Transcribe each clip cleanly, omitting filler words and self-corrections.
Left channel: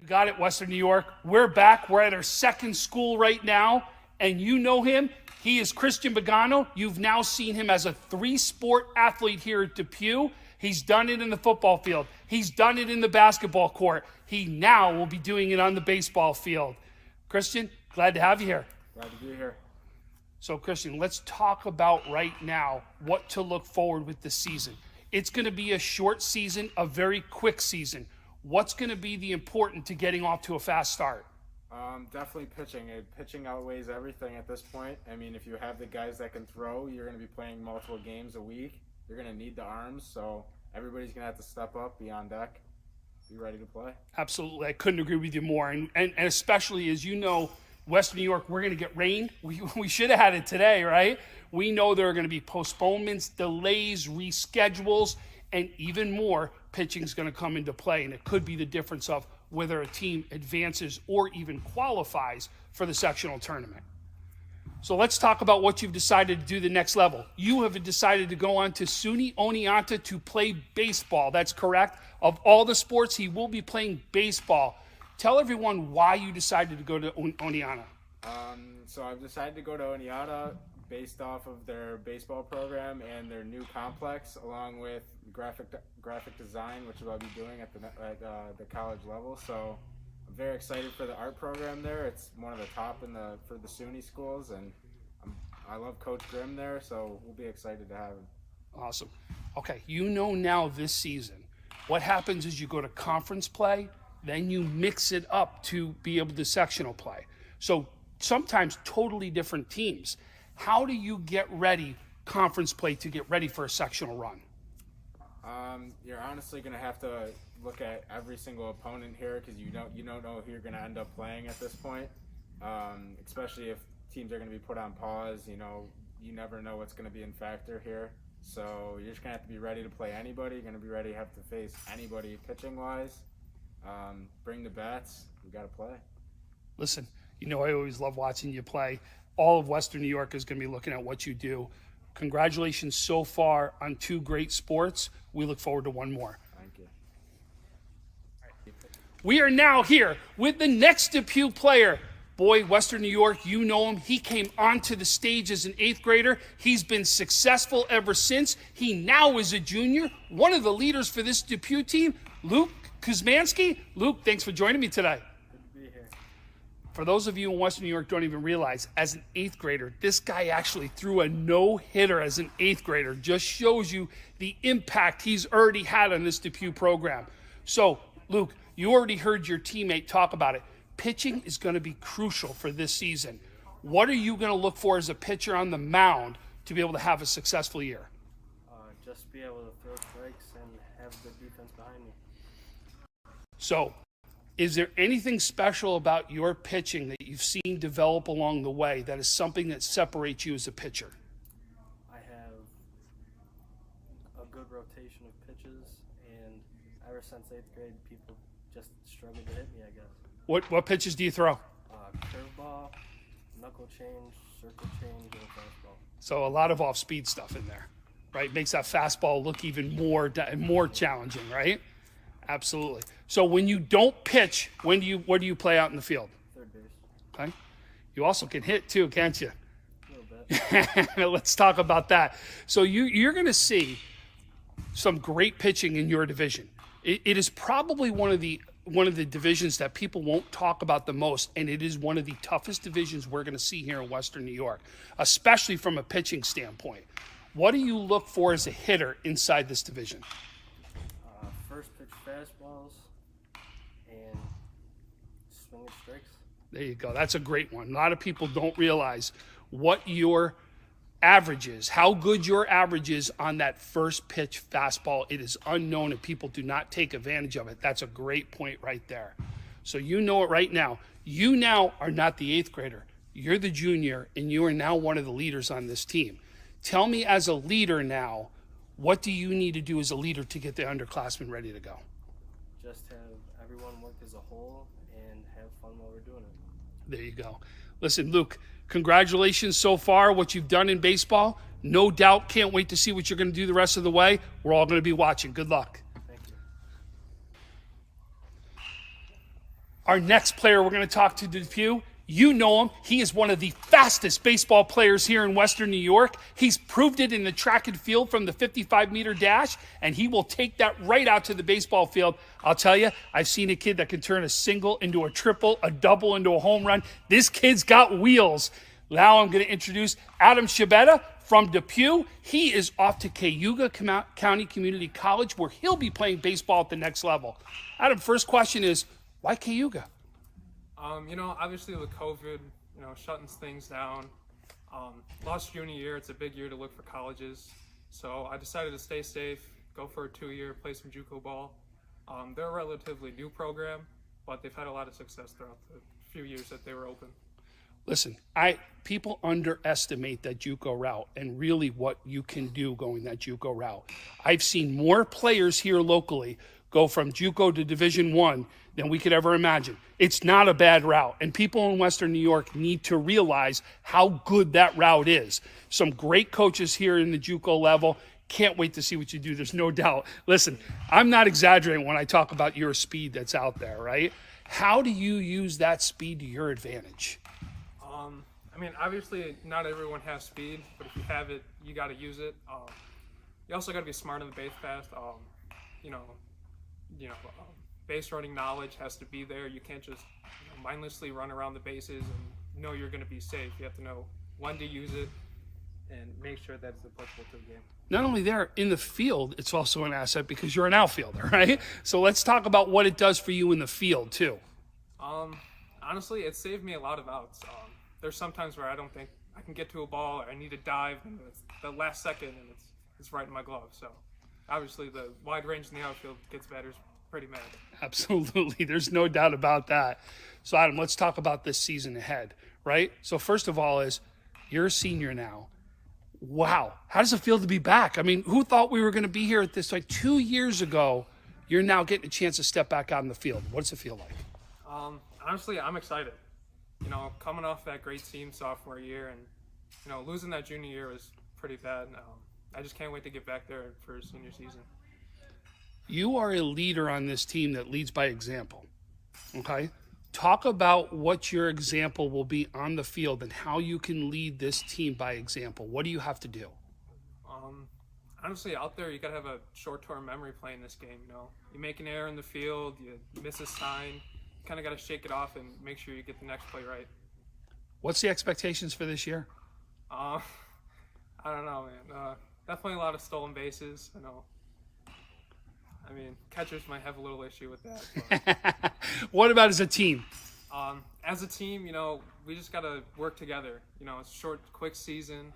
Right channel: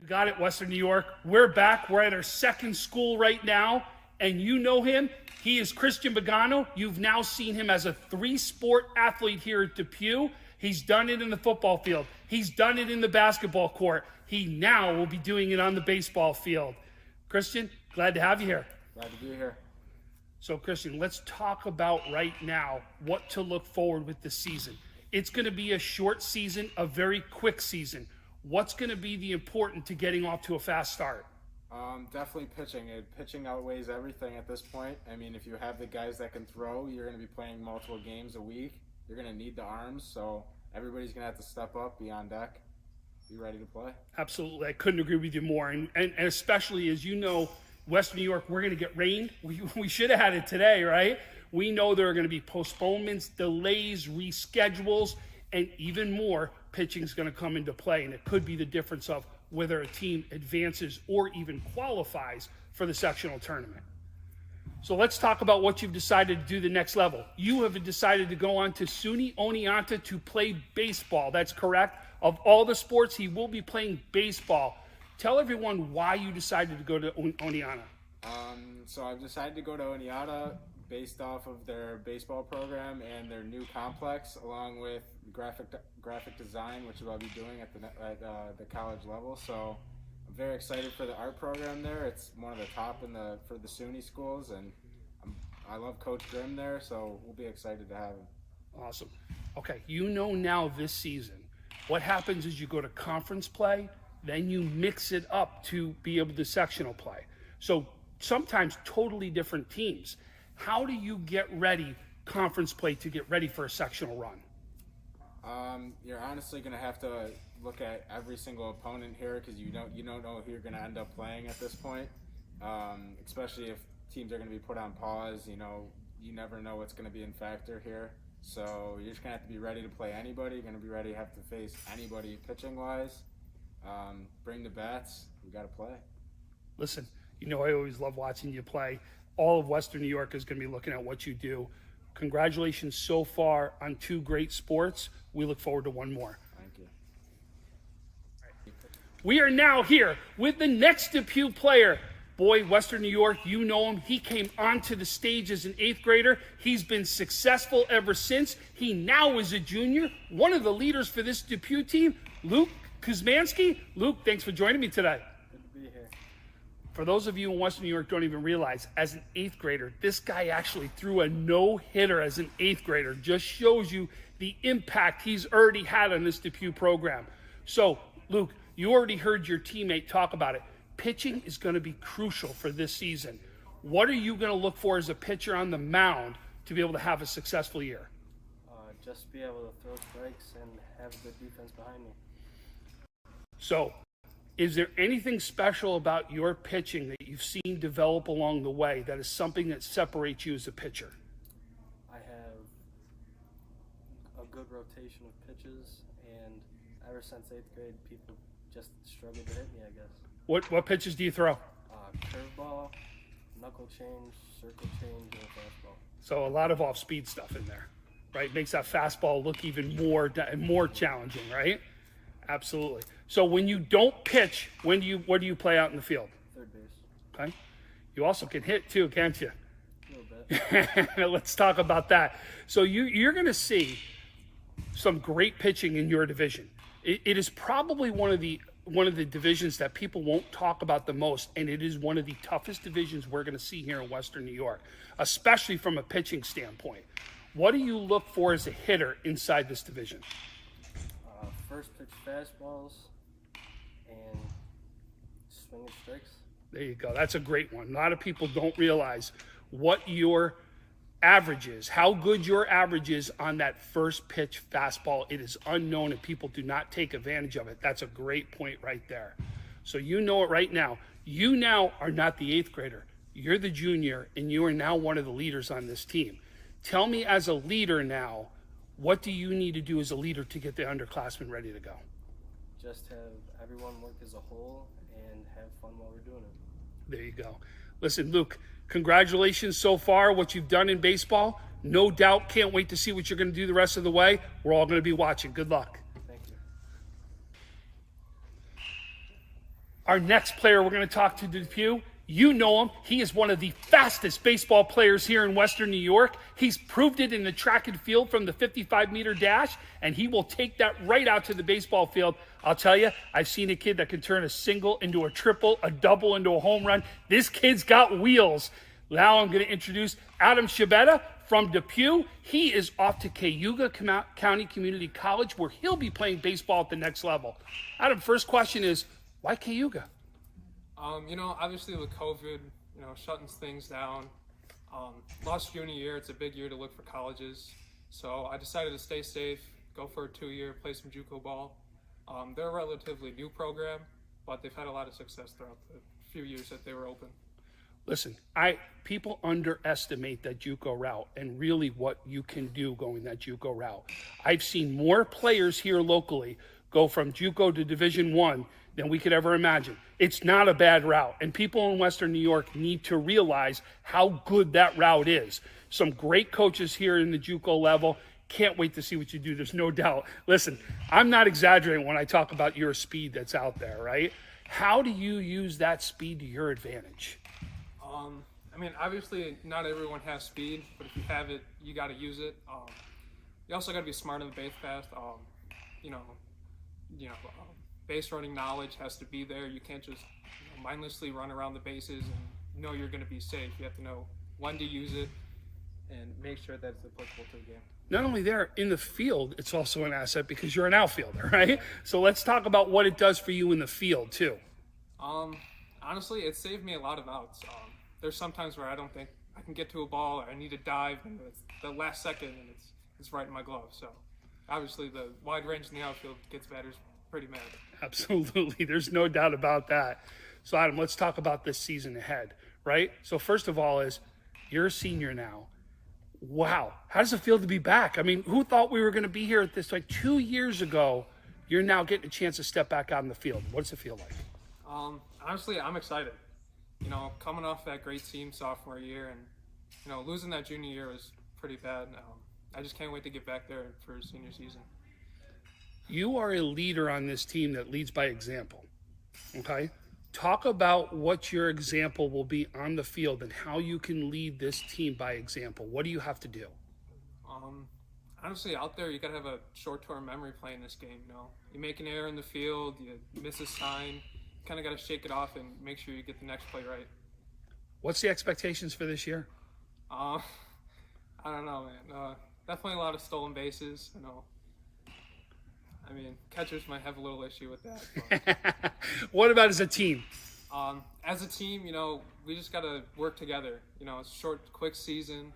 We got it, Western New York. We're back. We're at our second school right now, and you know him. He is Christian Pagano. You've now seen him as a three-sport athlete here at Depew. He's done it in the football field. He's done it in the basketball court. He now will be doing it on the baseball field. Christian, glad to have you here. Glad to be here. So, Christian, let's talk about right now what to look forward with this season. It's going to be a short season, a very quick season. What's going to be the important to getting off to a fast start? Definitely pitching. Pitching outweighs everything at this point. I mean, if you have the guys that can throw, you're going to be playing multiple games a week. You're going to need the arms, so everybody's going to have to step up, be on deck, be ready to play. Absolutely. I couldn't agree with you more. And especially, as you know, Western New York, we're going to get rain. We should have had it today, right? We know there are going to be postponements, delays, reschedules, and even more, pitching is going to come into play. And it could be the difference of whether a team advances or even qualifies for the sectional tournament. So let's talk about what you've decided to do the next level. You have decided to go on to SUNY Oneonta to play baseball. That's correct. Of all the sports, he will be playing baseball. Tell everyone why you decided to go to Oneonta. So I've decided to go to Oneonta based off of their baseball program and their new complex, along with graphic design, which I'll be doing at the college level. So I'm very excited for the art program there. It's one of the top for the SUNY schools, and I love Coach Grimm there, so we'll be excited to have him. Awesome. Okay, you know now this season, what happens is you go to conference play, then you mix it up to be able to sectional play. So sometimes totally different teams. How do you get ready, conference play, to get ready for a sectional run? You're honestly going to have to look at every single opponent here, because you don't know who you're going to end up playing at this point. Especially if teams are going to be put on pause. You never know what's going to be in factor here. So you're just going to have to be ready to play anybody. You're going to be ready to have to face anybody pitching wise. Bring the bats. We got to play. Listen, I always love watching you play. All of Western New York is going to be looking at what you do. Congratulations so far on 2 great sports. We look forward to one more. Thank you. We are now here with the next Depew player. Boy, Western New York, you know him. He came onto the stage as an 8th grader. He's been successful ever since. He now is a junior, one of the leaders for this Depew team, Luke Kuzmanski. Luke, thanks for joining me today. Good to be here. For those of you in Western New York don't even realize, as an 8th grader, this guy actually threw a no-hitter as an 8th grader. Just shows you the impact he's already had on this Depew program. So, Luke, you already heard your teammate talk about it. Pitching is going to be crucial for this season. What are you going to look for as a pitcher on the mound to be able to have a successful year? Just be able to throw strikes and have good defense behind me. So, is there anything special about your pitching that you've seen develop along the way that is something that separates you as a pitcher? I have a good rotation of pitches, and ever since 8th grade, people just struggled to hit me, I guess. What pitches do you throw? Curveball, knuckle change, circle change, and fastball. So a lot of off-speed stuff in there, right? Makes that fastball look even more challenging, right? Absolutely. So when you don't pitch, where do you play out in the field? Third base. Okay. You also can hit too, can't you? A little bit. Let's talk about that. So you're going to see some great pitching in your division. It is probably one of the divisions that people won't talk about the most, and it is one of the toughest divisions we're going to see here in Western New York, especially from a pitching standpoint. What do you look for as a hitter inside this division? First pitch fastballs and swinging strikes. There you go. That's a great one. A lot of people don't realize what your average is, how good your average is on that first pitch fastball. It is unknown and people do not take advantage of it. That's a great point right there. So you know it right now. You now are not the 8th grader. You're the junior, and you are now one of the leaders on this team. Tell me, as a leader now, what do you need to do as a leader to get the underclassmen ready to go? Just have everyone work as a whole and have fun while we're doing it. There you go. Listen, Luke, congratulations so far, what you've done in baseball. No doubt, can't wait to see what you're going to do the rest of the way. We're all going to be watching. Good luck. Thank you. Our next player we're going to talk to, Depew, you know him. He is one of the fastest baseball players here in Western New York. He's proved it in the track and field from the 55-meter dash, and he will take that right out to the baseball field. I'll tell you, I've seen a kid that can turn a single into a triple, a double into a home run. This kid's got wheels. Now I'm going to introduce Adam Scibetta from Depew. He is off to Cayuga County Community College, where he'll be playing baseball at the next level. Adam, first question is, why Cayuga? Obviously with COVID, shutting things down, lost junior year, it's a big year to look for colleges. So I decided to stay safe, go for a 2-year, play some JUCO ball. They're a relatively new program, but they've had a lot of success throughout the few years that they were open. Listen, people underestimate that JUCO route and really what you can do going that JUCO route. I've seen more players here locally go from JUCO to Division I than we could ever imagine. It's not a bad route, and people in Western New York need to realize how good that route is. Some great coaches here in the JUCO level. Can't wait to see what you do. There's no doubt. Listen, I'm not exaggerating when I talk about your speed that's out there, right? How do you use that speed to your advantage? Obviously not everyone has speed, but if you have it, you got to use it. You also got to be smart on the base path. Base running knowledge has to be there. You can't just mindlessly run around the bases and know you're going to be safe. You have to know when to use it and make sure that's applicable to the game. Not only there, in the field, it's also an asset because you're an outfielder, right? So let's talk about what it does for you in the field, too. Honestly, it saved me a lot of outs. There's some times where I don't think I can get to a ball, or I need to dive, and it's the last second, and it's right in my glove. So obviously the wide range in the outfield gets batters pretty mad. Absolutely. There's no doubt about that. So, Adam, let's talk about this season ahead, right? So, first of all you're a senior now. Wow. How does it feel to be back? I mean, who thought we were going to be here at this time? 2 years ago, you're now getting a chance to step back out in the field. What does it feel like? Honestly, I'm excited. Coming off that great team sophomore year and, losing that junior year was pretty bad. I just can't wait to get back there for senior season. You are a leader on this team that leads by example, okay? Talk about what your example will be on the field and how you can lead this team by example. What do you have to do? Honestly, out there, you got to have a short-term memory playing this game, You make an error in the field, you miss a sign, you kind of got to shake it off and make sure you get the next play right. What's the expectations for this year? I don't know, man. Definitely a lot of stolen bases, catchers might have a little issue with that. But. What about as a team? As a team, we just got to work together. It's a short, quick season.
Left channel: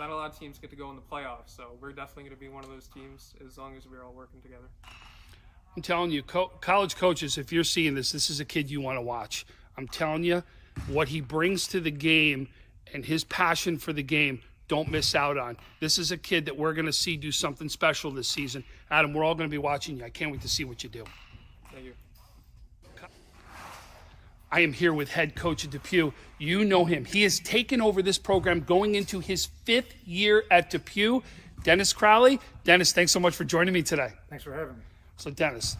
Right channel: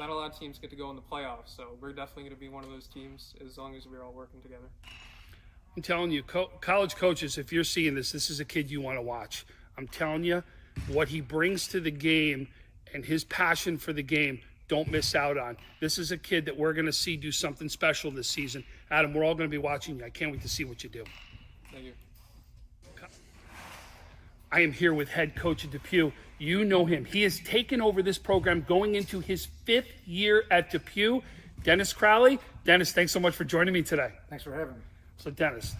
Not a lot of teams get to go in the playoffs, so we're definitely going to be one of those teams as long as we're all working together. I'm telling you, college coaches, if you're seeing this is a kid you want to watch. I'm telling you, what he brings to the game and his passion for the game, don't miss out on. This is a kid that we're going to see do something special this season. Adam, we're all going to be watching you. I can't wait to see what you do. Thank you. I am here with head coach at Depew. You know him. He has taken over this program going into his 5th year at Depew. Dennis Crawley. Dennis, thanks so much for joining me today. Thanks for having me. So, Dennis,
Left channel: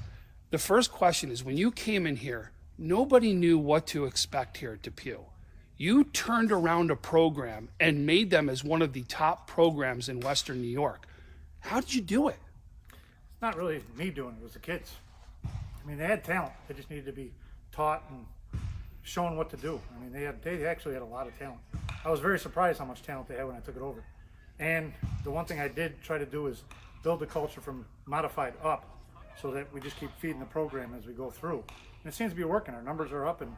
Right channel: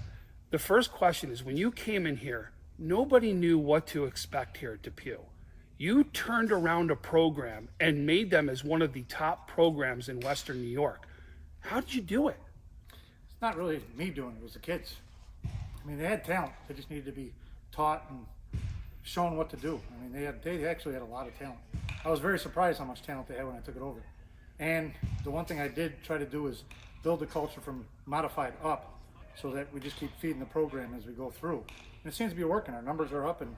the first question is, when you came in here, nobody knew what to expect here at Depew. You turned around a program and made them as one of the top programs in Western New York. How did you do it? It's not really me doing it, it was the kids. They had talent. They just needed to be taught and shown what to do. They actually had a lot of talent. I was very surprised how much talent they had when I took it over. And the one thing I did try to do is build the culture from modified up so that we just keep feeding the program as we go through. And it seems to be working. Our numbers are up, and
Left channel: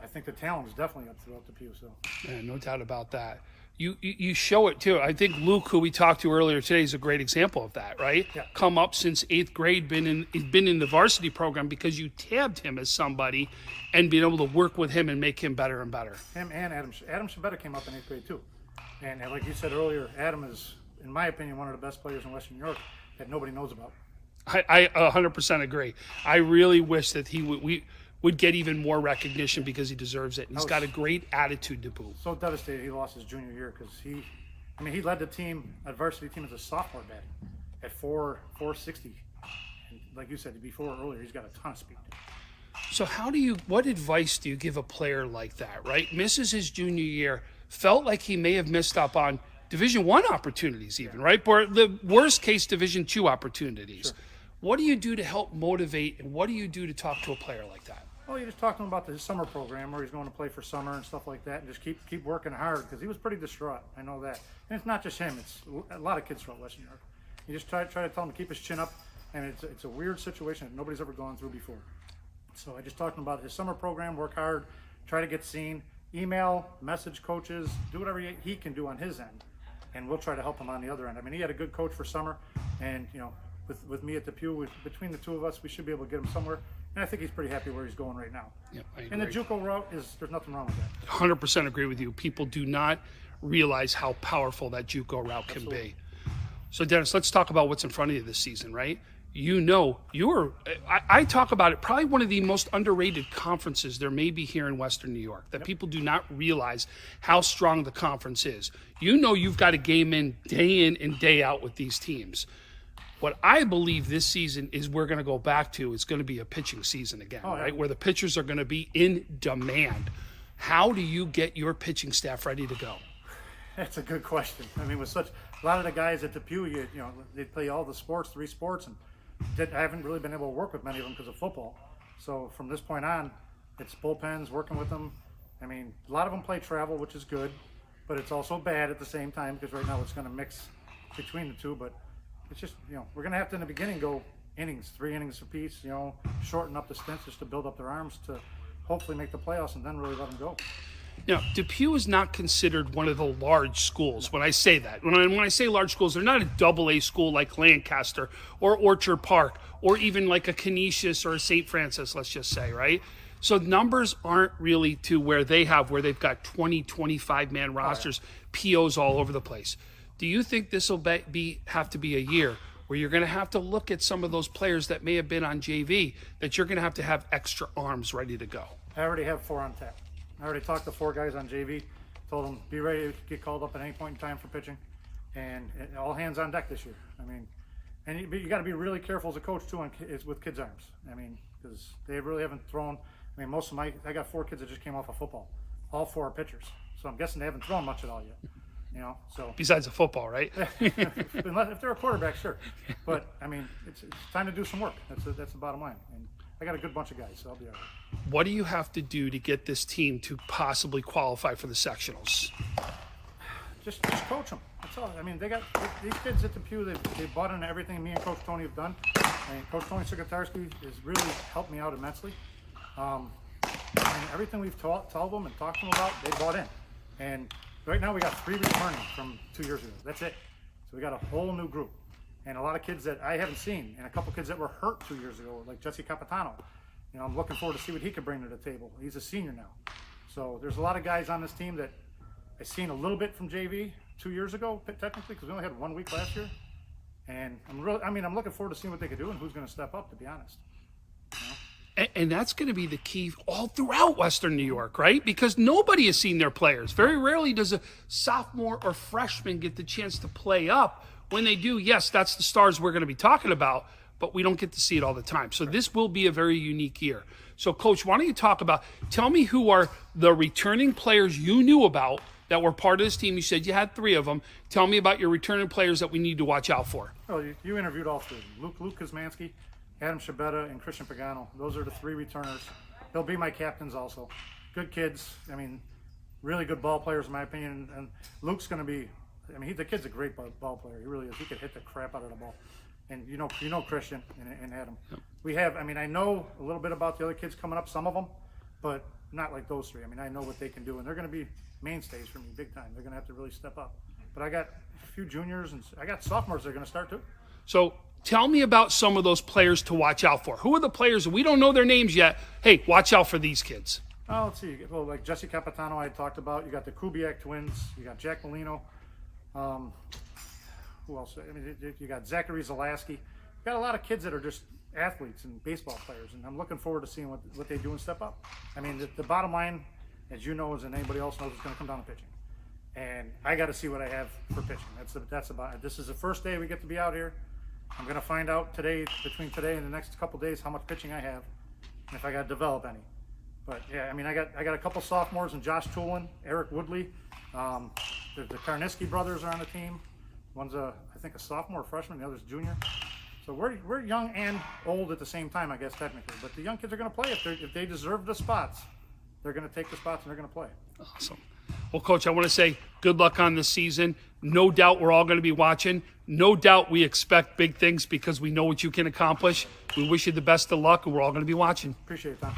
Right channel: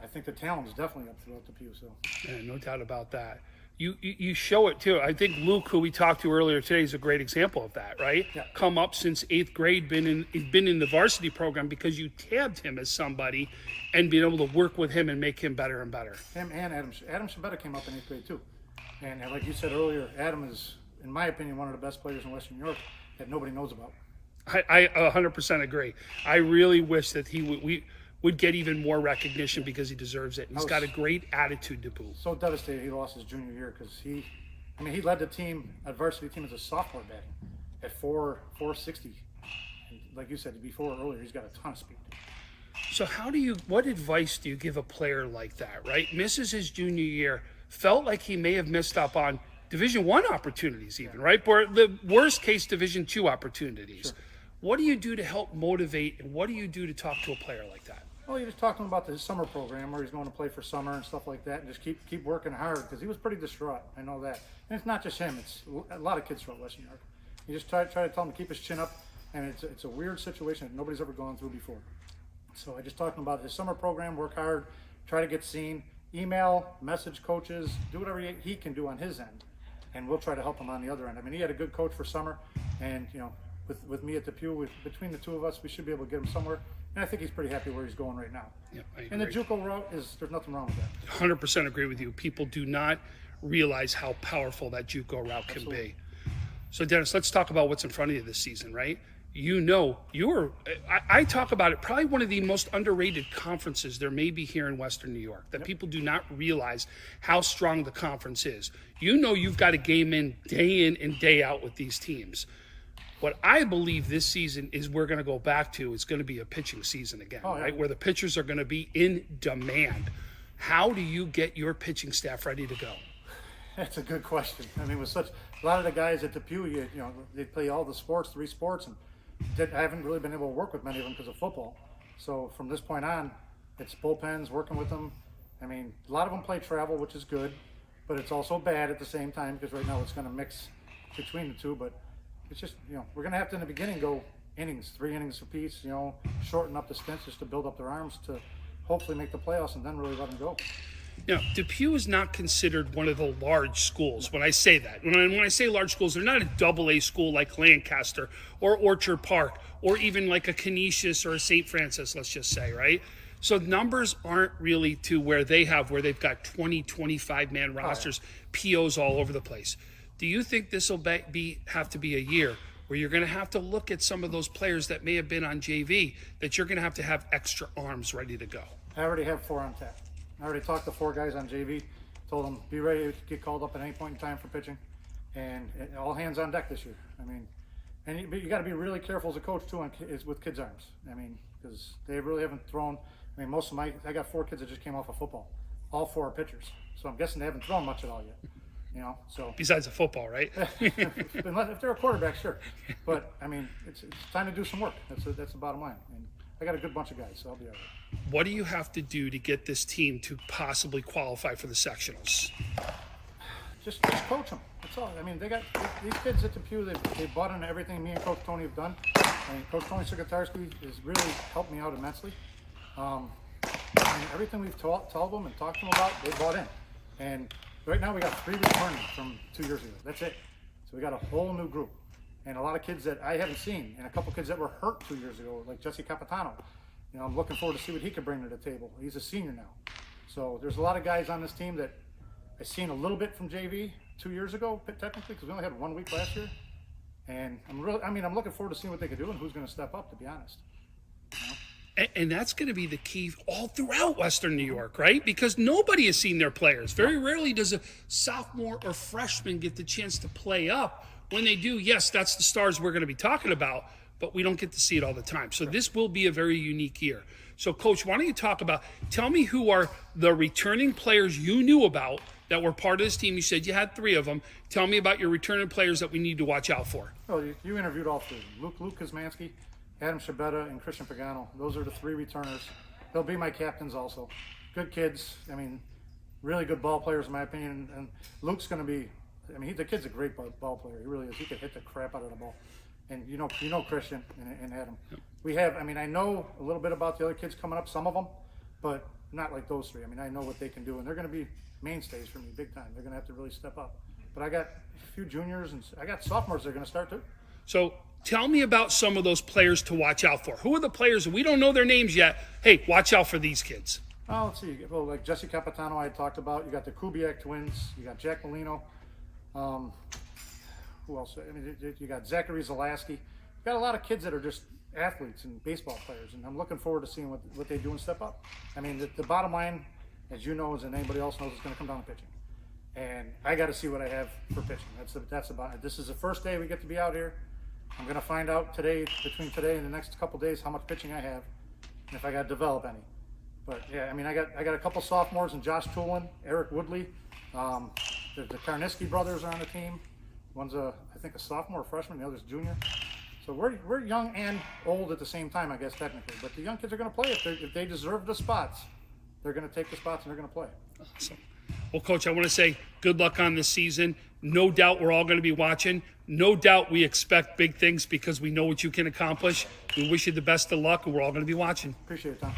I think the talent is definitely up throughout the Depew. So, yeah, no doubt about that. You show it too. I think Luke, who we talked to earlier today, is a great example of that, right? Yeah. Come up since 8th grade, been in the varsity program because you tabbed him as somebody, and being able to work with him and make him better and better. Him and Adam Scibetta came up in 8th grade too. And like you said earlier, Adam is, in my opinion, one of the best players in Western New York that nobody knows about. I 100% agree. I really wish that we would get even more recognition because he deserves it. He's got a great attitude to boot. So devastated he lost his junior year because he led the team, a varsity team, as a sophomore batting at 460. And like you said before earlier, he's got a ton of speed. So what advice do you give a player like that, right? Misses his junior year, felt like he may have missed up on Division I opportunities even, right? Or the worst case Division II opportunities. Sure. What do you do to help motivate, and what do you do to talk to a player like that? Well, you just talk to him about the summer program where he's going to play for summer and stuff like that, and just keep working hard, because he was pretty distraught. I know that. And it's not just him. It's a lot of kids throughout Western New York. You just try to tell him to keep his chin up, and it's a weird situation that nobody's ever gone through before. So I just talked to him about his summer program, work hard, try to get seen, email, message coaches, do whatever he can do on his end, and we'll try to help him on the other end. I mean, he had a good coach for summer, and with me at Depew, between the two of us, we should be able to get him somewhere. And I think he's pretty happy where he's going right now. Yeah, and the JUCO route there's nothing wrong with that. 100% agree with you. People do not realize how powerful that JUCO route can be. So Dennis, let's talk about what's in front of you this season, right? I talk about it, probably one of the most underrated conferences there may be here in Western New York, that people do not realize how strong the conference is. You've got a game in and day out with these teams. What I believe this season is we're going to go back to, it's going to be a pitching season again, right? Where the pitchers are going to be in demand. How do you get your pitching staff ready to go? That's a good question. I mean, with a lot of the guys at Depew, they play all the sports, 3 sports, and I haven't really been able to work with many of them because of football. So from this point on, it's bullpens, working with them. I mean, a lot of them play travel, which is good, but it's also bad at the same time, because right now it's going to mix between the two. But it's just, we're going to have to in the beginning go innings, 3 innings apiece, shorten up the stints just to build up their arms to hopefully make the playoffs and then really let them go. Depew is not considered one of the large schools. When I say that, when I say large schools, they're not a AA school like Lancaster or Orchard Park or even like a Canisius or a St. Francis, let's just say, right? So numbers aren't really to where they've got 20, 25-man rosters, POs all over the place. Do you think this will have to be a year where you're going to have to look at some of those players that may have been on JV, that you're going to have extra arms ready to go? I already have 4 on tap. I already talked to 4 guys on JV, told them be ready to get called up at any point in time for pitching, and all hands on deck this year. I mean, and you got to be really careful as a coach too with kids' arms. I mean, because they really haven't thrown. I mean, I got 4 kids that just came off of football. All 4 are pitchers, so I'm guessing they haven't thrown much at all yet. So besides the football, right? If they're a quarterback, sure. But I mean, it's time to do some work. That's the bottom line. And I got a good bunch of guys, so I'll be all right. What do you have to do to get this team to possibly qualify for the sectionals? Just coach them. That's all. I mean, they got these kids at Depew. They bought into everything me and Coach Tony have done, and Coach Tony Sikatarski has really helped me out immensely. And everything we've told them and talked to them about, they bought in. And right now we got 3 returning from 2 years ago. That's it. So we got a whole new group, and a lot of kids that I haven't seen, and a couple kids that were hurt 2 years ago, like Jesse Capitano. I'm looking forward to see what he could bring to the table. He's a senior now. So there's a lot of guys on this team that I've seen a little bit from JV 2 years ago, technically, because we only had 1 week last year. And I'm looking forward to seeing what they could do and who's going to step up, to be honest. And that's going to be the key all throughout Western New York, right? Because nobody has seen their players. Very rarely does a sophomore or freshman get the chance to play up. When they do, yes, that's the stars we're going to be talking about, but we don't get to see it all the time. So this will be a very unique year. So, Coach, why don't you tell me who are the returning players you knew about that were part of this team. You said you had 3 of them. Tell me about your returning players that we need to watch out for. Oh, you interviewed all 3 of them. Luke Kuzmanski, Adam Scibetta, and Christian Pagano. Those are the 3 returners. They'll be my captains also. Good kids. I mean, really good ball players in my opinion. And Luke's going to be, the kid's a great ball player. He really is. He could hit the crap out of the ball. And you know Christian and Adam. We have, I know a little bit about the other kids coming up, some of them, but not like those 3. I know what they can do, and they're going to be mainstays for me big time. They're going to have to really step up. But I got a few juniors, and I got sophomores that are going to start too. So tell me about some of those players to watch out for. Who are the players, we don't know their names yet, hey, watch out for these kids? Well, let's see. Well, like Jesse Capitano I talked about. You got the Kubiak twins. You got Jack Molino. Who else? You got Zachary Zalaski. You got a lot of kids that are just athletes and baseball players, and I'm looking forward to seeing what they do and step up. The bottom line, as you know, and anybody else knows, it's going to come down to pitching. And I got to see what I have for pitching. That's about it. This is the first day we get to be out here. I'm going to find out between today and the next couple days, how much pitching I have, and if I got to develop any. But yeah, I mean, I got a couple sophomores and Josh Toolin, Eric Woodley. The Kuczmanski brothers are on the team. One's I think a sophomore, freshman, the other's junior. So we're young and old at the same time, I guess technically. But the young kids are going to play if they deserve the spots. They're going to take the spots and they're going to play. Awesome. Well, Coach, I want to say good luck on this season. No doubt we're all going to be watching. No doubt we expect big things because we know what you can accomplish. We wish you the best of luck, and we're all going to be watching. Appreciate it, Tom.